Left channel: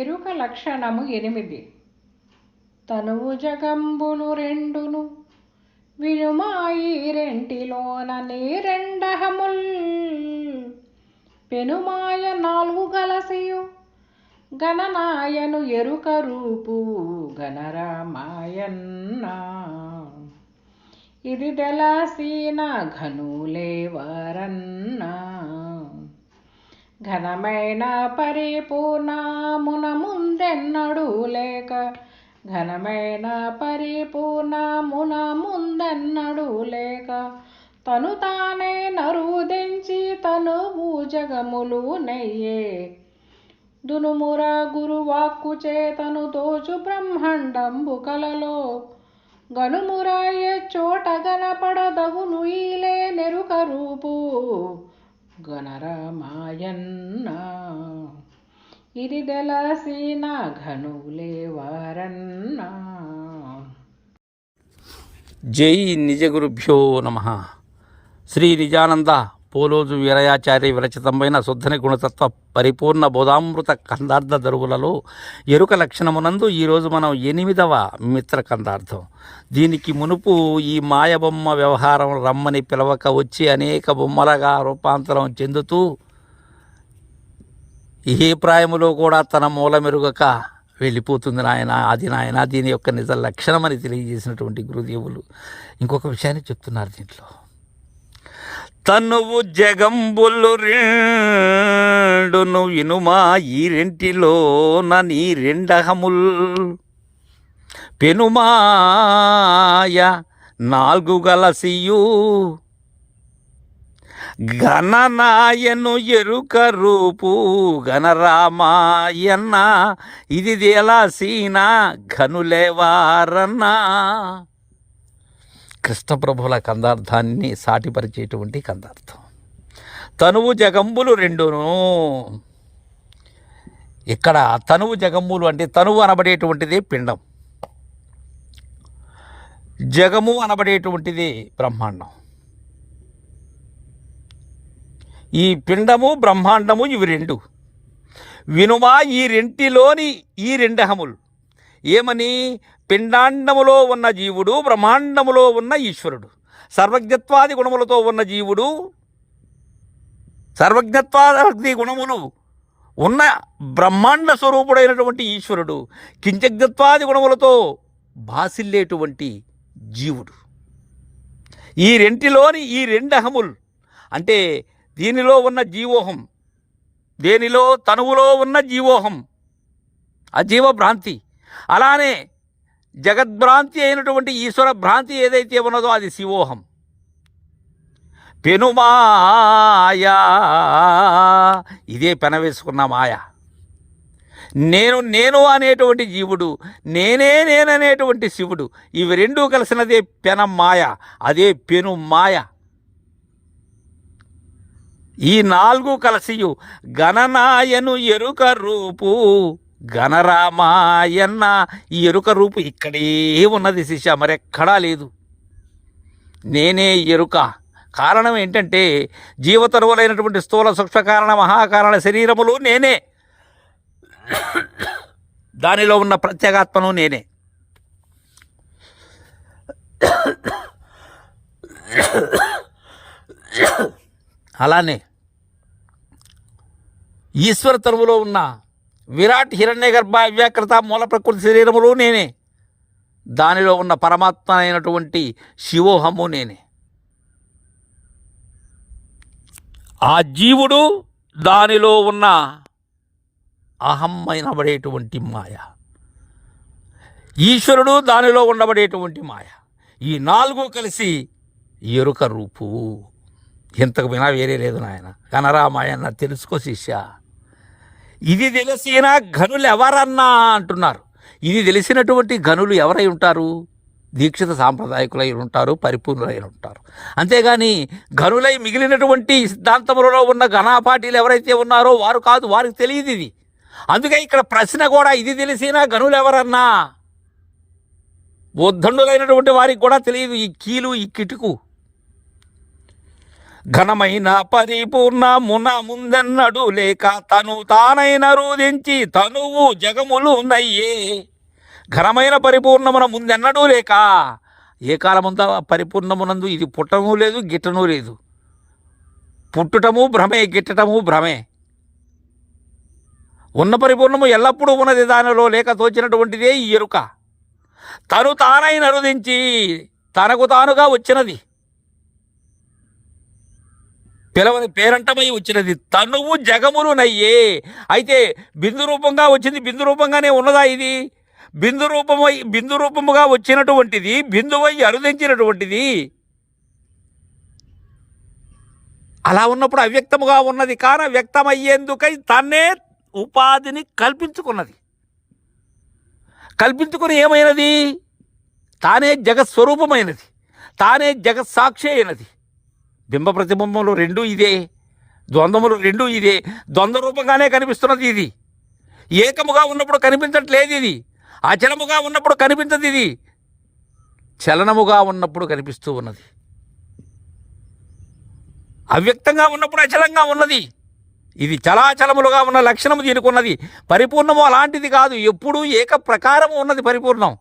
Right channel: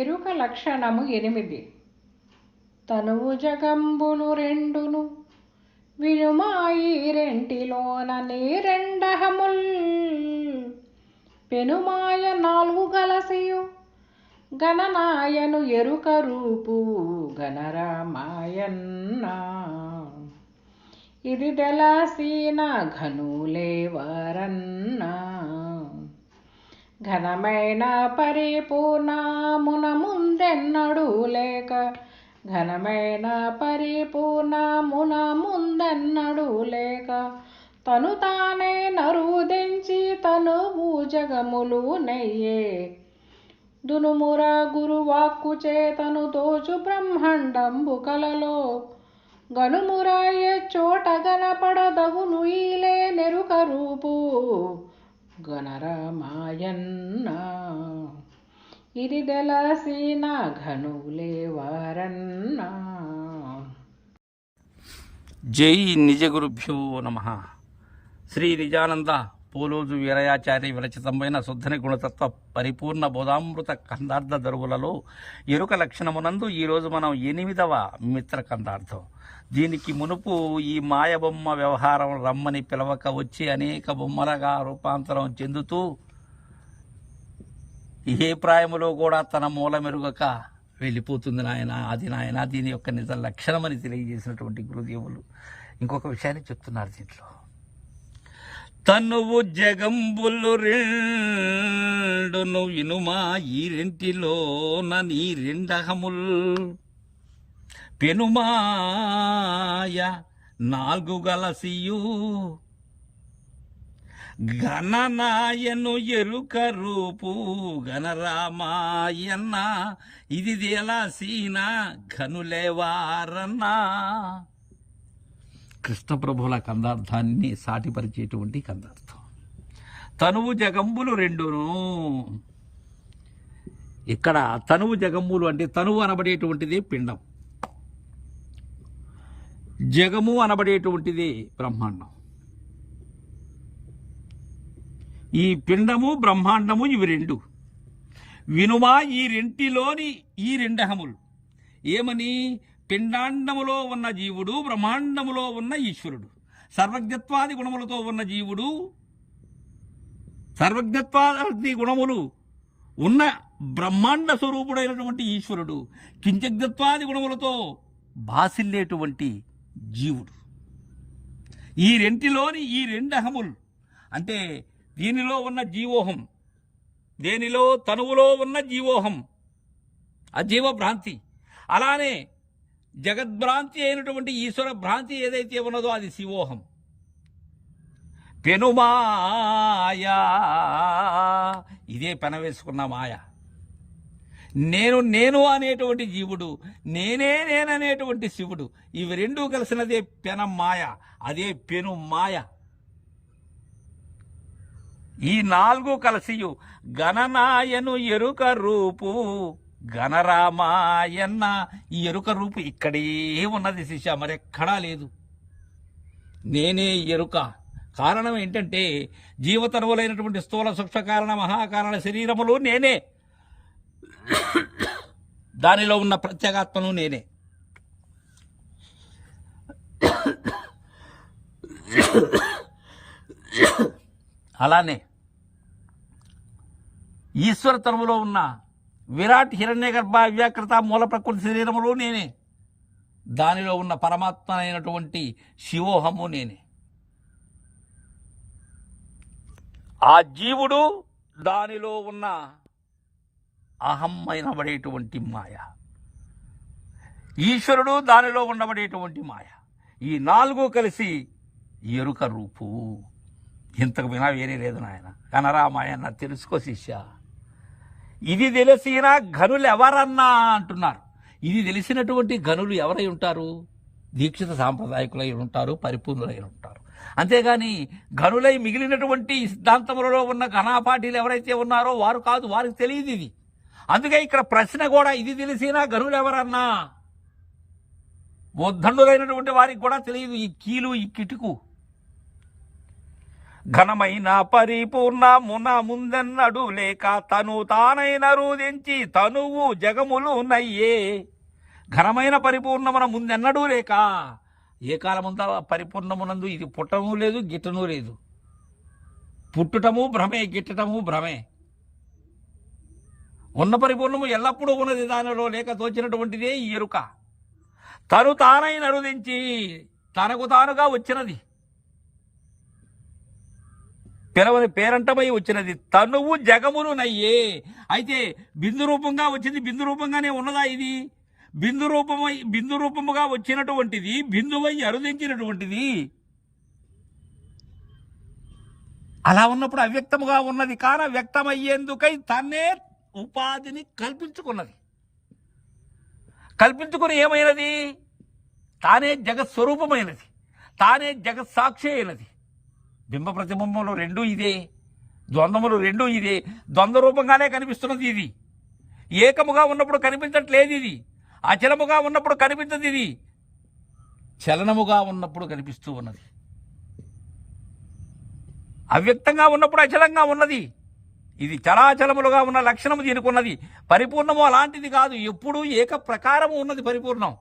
ఎరుక లక్షణము 8. తనువు జగంబులు రెండును వినుమాయి రెంటిలోన నీరెండహముల్ పెనుమాయ 4 గలసియు గణనాయను ఎరుక రూపు గణరామాయన్న. ఇది తెలసిన ఘనులేవరన్నా ఘనమైన పరిపూర్ణమున ముందెన్నడూ లేక ఘనమైన పరిపూర్ణమున ముందెన్నడూ లేక తను తానే నరుదించి తనువు జగములు నెయ్యే దునుముర గురువాక్కు చేతను తోచు బ్రహ్మాండంబు కలలో గనుమురాయే చోట గనపడదగును ఈలే నెరుక రూపు గణరామాయన్న. ఇది తెలసిన ఘనులేవరన్నా. జై నిజ గురుభ్యో నమః. శ్రీ నిజానంద పోలోజు వీరయాచార్య విరచితమైన శుద్ధని గుణతత్వ పరిపూర్ణ బోధామృత కందార్థ దరువులలో ఎరుక లక్షణమునందు ఈరోజు మనం 8వ మిత్ర కందార్థం. దీనికి మునుపు ఈ మాయబొమ్మ వ్యవహారం రమ్మని పిలవక వచ్చి అనేక బొమ్మలుగా రూపాంతరం చెందుతూ ఏ ప్రాయములో కూడా తన మూలమెరుగక వెళ్ళిపోతుంది నాయన, అది నాయన, దీని యొక్క నిజ లక్షణమని తెలియజేసినటువంటి గురుదేవులు ఇంకొక విషయాన్ని చెప్తున్నారు దీంట్లో. తనువు జగంబులు రెండును వినుమా ఈ రెంటిలోన నీ రెండహముల్ పెనుమాయ 4 గలసియు గణనాయను ఎరుక రూపు గణరామాయన్న. ఇది తెలసిన ఘనులేవారన్నా. కృష్ణప్రభుల కందార్థాన్ని సాటిపరిచేటువంటి కందార్థం. తనువు జగంబులు రెండును. ఇక్కడ తనువు జగంబులు అంటే తనువు అనబడేటువంటిది పిండం, జగము అనబడేటువంటిది బ్రహ్మాండం. ఈ పిండము బ్రహ్మాండము ఇవి రెండు వినుమా ఈ రెంటిలోని ఈ రెండహములు ఏమని? పిండాండములో ఉన్న జీవుడు, బ్రహ్మాండములో ఉన్న ఈశ్వరుడు. సర్వజ్ఞత్వాది గుణములతో ఉన్న జీవుడు, సర్వజ్ఞత్వాది గుణములు ఉన్న బ్రహ్మాండ స్వరూపుడైనటువంటి ఈశ్వరుడు, కించజ్ఞత్వాది గుణములతో భాసిల్లేటువంటి జీవుడు. ఈ రెంటిలోని ఈ రెండహములు అంటే దీనిలో ఉన్న జీవోహం, దేనిలో తనువులో ఉన్న జీవోహం, అజీవ భ్రాంతి. అలానే జగద్భ్రాంతి అయినటువంటి ఈశ్వర భ్రాంతి ఏదైతే ఉన్నదో అది శివోహం. పెనుమాయా ఇదే పెనవేసుకున్న మాయ. నేను అనేటువంటి జీవుడు, నేననేటువంటి శివుడు, ఇవి రెండూ కలిసినదే పెన మాయ, అదే పెను మాయ. ఈ 4 కలిసియు గణనాయను ఎరుక రూపు గణరామాయన్న. ఈ ఎరుక రూపు ఇక్కడే ఉన్నది శిష్య, మరెక్కడా లేదు. నేనే ఎరుక. కారణం ఏంటంటే జీవతరువులైనటువంటి స్థూల సూక్ష్మ కారణ మహాకారణ శరీరములు నేనే, దానిలో ఉన్న ప్రత్యేగాత్మను నేనే. అలానే ఈశ్వర తరువులో ఉన్న విరాట్ హిరణ్య గర్భ అవ్యాకృత మూల ప్రకృతి శరీరములు నేనే, దానిలో ఉన్న పరమాత్మ అయినటువంటి శివోహము నేనే. ఆ జీవుడు, దానిలో ఉన్న అహం అయినబడేటువంటి మాయ, ఈశ్వరుడు, దానిలో ఉండబడేటువంటి మాయ, ఈ 4 కలిసి ఎరుక రూపు. ఇంతకు వినా వేరే లేదు నాయన. గణరామాయణ తెలుసుకో శిష్య. ఇది తెలిసిన ఘనులు ఎవరన్నా అంటున్నారు. ఇది తెలిసినటువంటి ఘనులు ఎవరై ఉంటారు? దీక్షిత సాంప్రదాయకులై ఉంటారు, పరిపూర్ణులై ఉంటారు. అంతేగాని ఘనులై మిగిలినటువంటి సిద్ధాంతములలో ఉన్న ఘనాపాటీలు ఎవరైతే ఉన్నారో వారు కాదు, వారికి తెలియదు ఇది. అందుకే ఇక్కడ ప్రశ్న కూడా ఇది తెలిసిన ఘనులు ఎవరన్నా. ఉద్దండులైనటువంటి వారికి కూడా తెలియదు ఈ కీలు, ఈ కిటుకు. ఘనమైన పరిపూర్ణమున ముందెన్నడు లేక తను తానైన రూదించి తనువు జగములు నయ్యే. ఘనమైన పరిపూర్ణమున ముందెన్నడూ లేక, ఏ కాలముందా పరిపూర్ణమునందు ఇది పుట్టము లేదు, గిట్టను లేదు. పుట్టుటము భ్రమే, గిట్టటము భ్రమే. ఉన్న పరిపూర్ణము ఎల్లప్పుడూ ఉన్నది, దానిలో లేక తోచినటువంటిదే ఈ ఎరుక. తను తానైన రుదించి తనకు తానుగా వచ్చినది, పిలవని పేరంటమై వచ్చినది, తనువు జగములు నయ్యే. అయితే బిందు రూపంగా వచ్చింది, బిందు రూపంగానే ఉన్నదా ఇది? బిందు రూపముగా వచ్చినటువంటిది, బిందువై అరుదించినటువంటిది. అలా ఉన్నప్పుడు అవ్యక్తముగా ఉన్నది కాన వ్యక్తమయ్యేందుకై తన్నే ఉపాధిని కల్పించుకున్నది. కల్పించుకుని ఏమైనది? తానే జగత్స్వరూపమైనది, తానే జగత్సాక్షి అయినది. బింబ ప్రతిబింబములు రెండూ ఇదే, ద్వంద్వములు రెండూ ఇదే. ద్వంద్వ రూపంగానే కనిపిస్తున్నది ఇది. ఏకముగా ఉన్నప్పుడు కనిపించట్లేదు ఇది. అచలముగా ఉన్నప్పుడు కనిపించదు ఇది. చలనముగా ఉన్నప్పుడు కనిపిస్తూ ఉన్నది. అవ్యక్తంగా ఉన్నప్పుడు అచలంగా ఉన్నది. ఇది చలాచలములుగా ఉన్న లక్షణము దీనికి ఉన్నది. పరిపూర్ణము అలాంటిది కాదు, ఎప్పుడూ ఏక ప్రకారము ఉన్నది పరిపూర్ణం.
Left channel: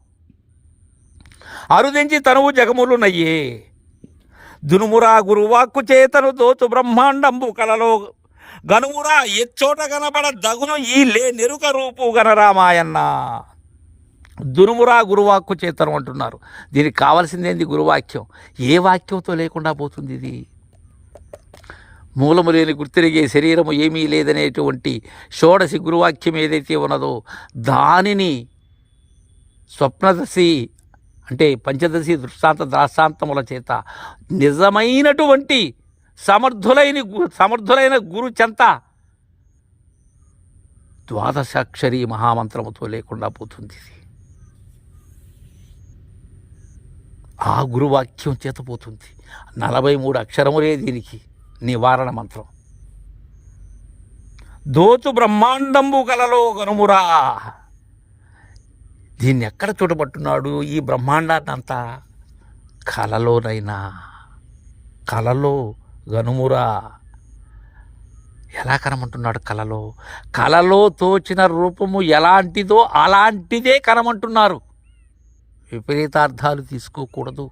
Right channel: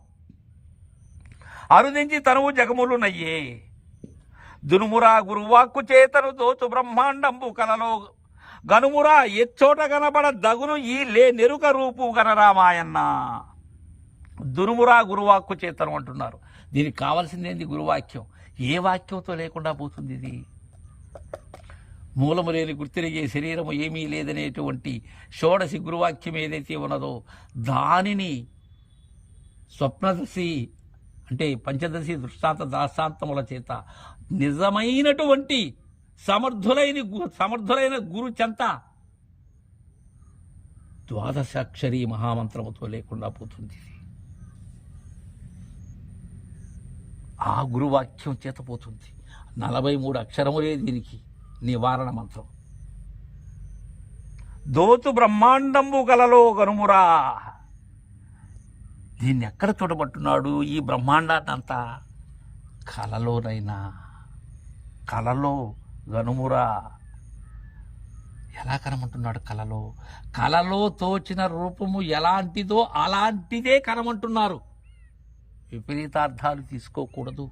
అరుదించి తనువు జగములు నయ్యే. దునుమురా గురువాక్కు చేతను దోచు బ్రహ్మాండంబు కలలో గనుమురా ఎచ్చోట కనపడ దగును ఈ లే నెరుక రూపు గనరామాయన్న. దునుమురా గురువాక్కు చేతను అంటున్నారు. దీనికి కావలసిందేంది? గురువాక్యం. ఏ వాక్యంతో లేకుండా పోతుంది ఇది? మూలము లేని గుర్తిరిగే శరీరము ఏమీ లేదనేటువంటి షోడశి గురువాక్యం ఏదైతే ఉన్నదో దానిని స్వప్నదశి అంటే పంచదశి దృష్టాంత ద్రాష్టాంతముల చేత నిజమైనటువంటి సమర్థులైన గురు చెంత ద్వాదశాక్షరి మహామంత్రముతో లేకుండా పోతుంది. ఆ గురువాక్యం చేత పోతుంది. 43 అక్షరములే దీనికి నివారణ మంత్రం. దోచు బ్రహ్మాండంబు కలలో గనుమురా. దీన్ని ఎక్కడ చూడబట్టున్నాడు? ఈ బ్రహ్మాండాన్ని అంతా కలలోనైనా. కలలో గనుమురా. ఎలా కనమంటున్నాడు? కలలో. కలలో తోచిన రూపము ఎలాంటిదో అలాంటిదే కనమంటున్నారు. విపరీతార్థాలు తీసుకోకూడదు.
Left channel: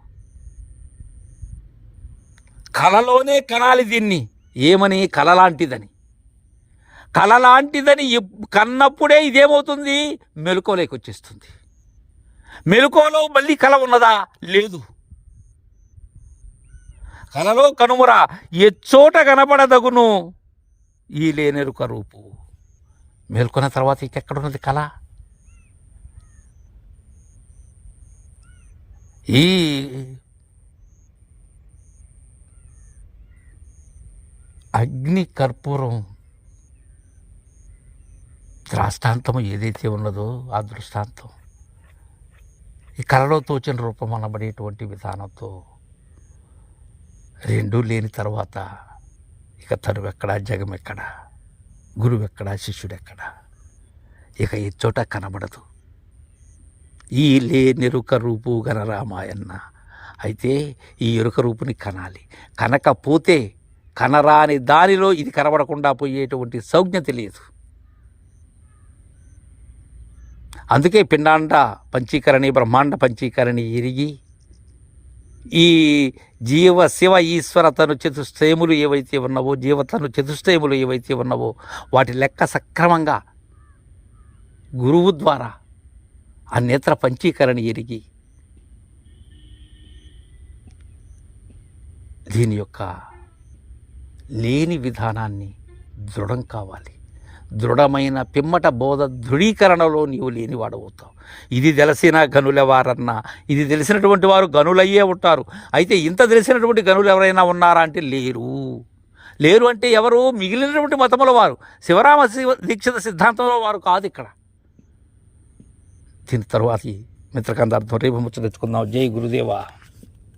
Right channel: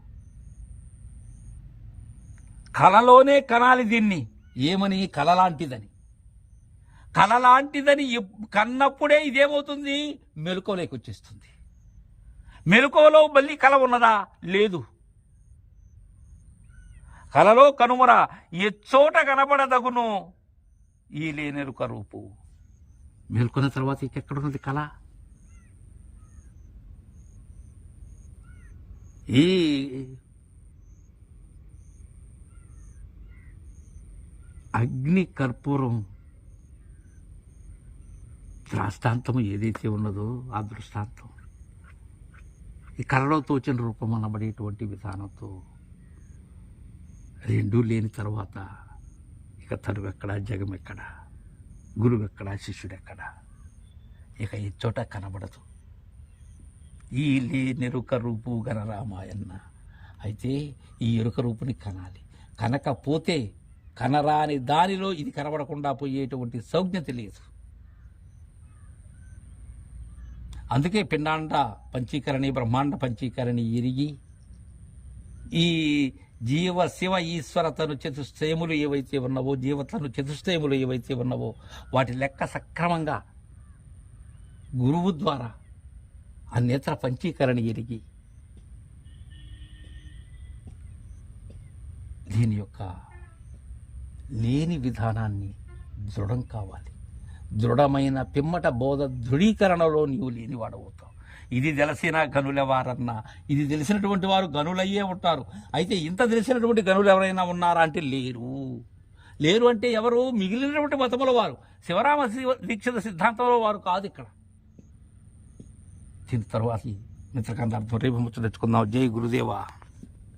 కలలోనే కనాలి దీన్ని. ఏమని? కలలాంటిదని. కలలాంటిదని కన్నప్పుడే ఇదేమవుతుంది? మెలకువలోకి వచ్చేస్తుంది. మెలకువలో మళ్ళీ కల ఉన్నదా? లేదు. కలలో కనుమురా ఎచ్చోట కనపడదగును ఈ లేనెరుక రూపు. మేల్కొన్న తర్వాత ఇంకెక్కడున్నది కళ? ఈ అగ్ని కర్పూరం దృష్టాంతము ఏదైతే ఉన్నదో ఆ దృష్టాంతం ఈ కళలో తోచిన రూపం అనబడేటువంటి విధానంతో రెండూ లేని తర్వాత ఇక తరువెక్కడా, జగమెక్కడా, గురువెక్కడా, శిష్యుడెక్కడా, ఇక ఈ చోట కనబడదు. ఈ లేనెరుక రూపు గనరామాయన్న. అయితే ఈ ఎరుక రూపుని కనాలి. కనకపోతే కనరాని దానిలో ఇది కనబడకుండా పోయేటువంటి సౌజ్ఞ తెలియదు. అందుకే పిండాండ పంచీకరణి, బ్రహ్మాండ పంచీకరణి ఎరిగి ఈ జీవ శివ ఈశ్వర తను చతుష్టయములు ఏవైతే ఉన్నవో, జీవతను చతుష్టయములు ఏవైతే ఉన్నవో వాటి లెక్క సక్రమంగా గురువు ద్వారా ఆ నేత్ర పంచీకరణ ఎరిగి దీని యొక్క లేని విధానాన్ని దృఢం కావాలి. దృఢమైన పిమ్మట బోధ దృఢీకరణలో నీవు లేనివాడవుతావు. ఇది తెలిసిన గనులెవారన్నా, ఇది తెలిసినటువంటి వారు గనులయ్యే ఉంటారు. అయితే ఇంత తెలిసినటువంటి గనులు ఎవరైనా ఉన్నారా అంటే లేరు. లేరు అంటే ఎవరు? మిగిలినటువంటి మతముల వారు. శివరామ దీక్షిత సిద్ధాంతంలో వారు కాదు ఇక్కడ. దీని తరువాత మిత్రకందార్థం రేపు ముచ్చటించుకుందాం. జై గురుదేవా.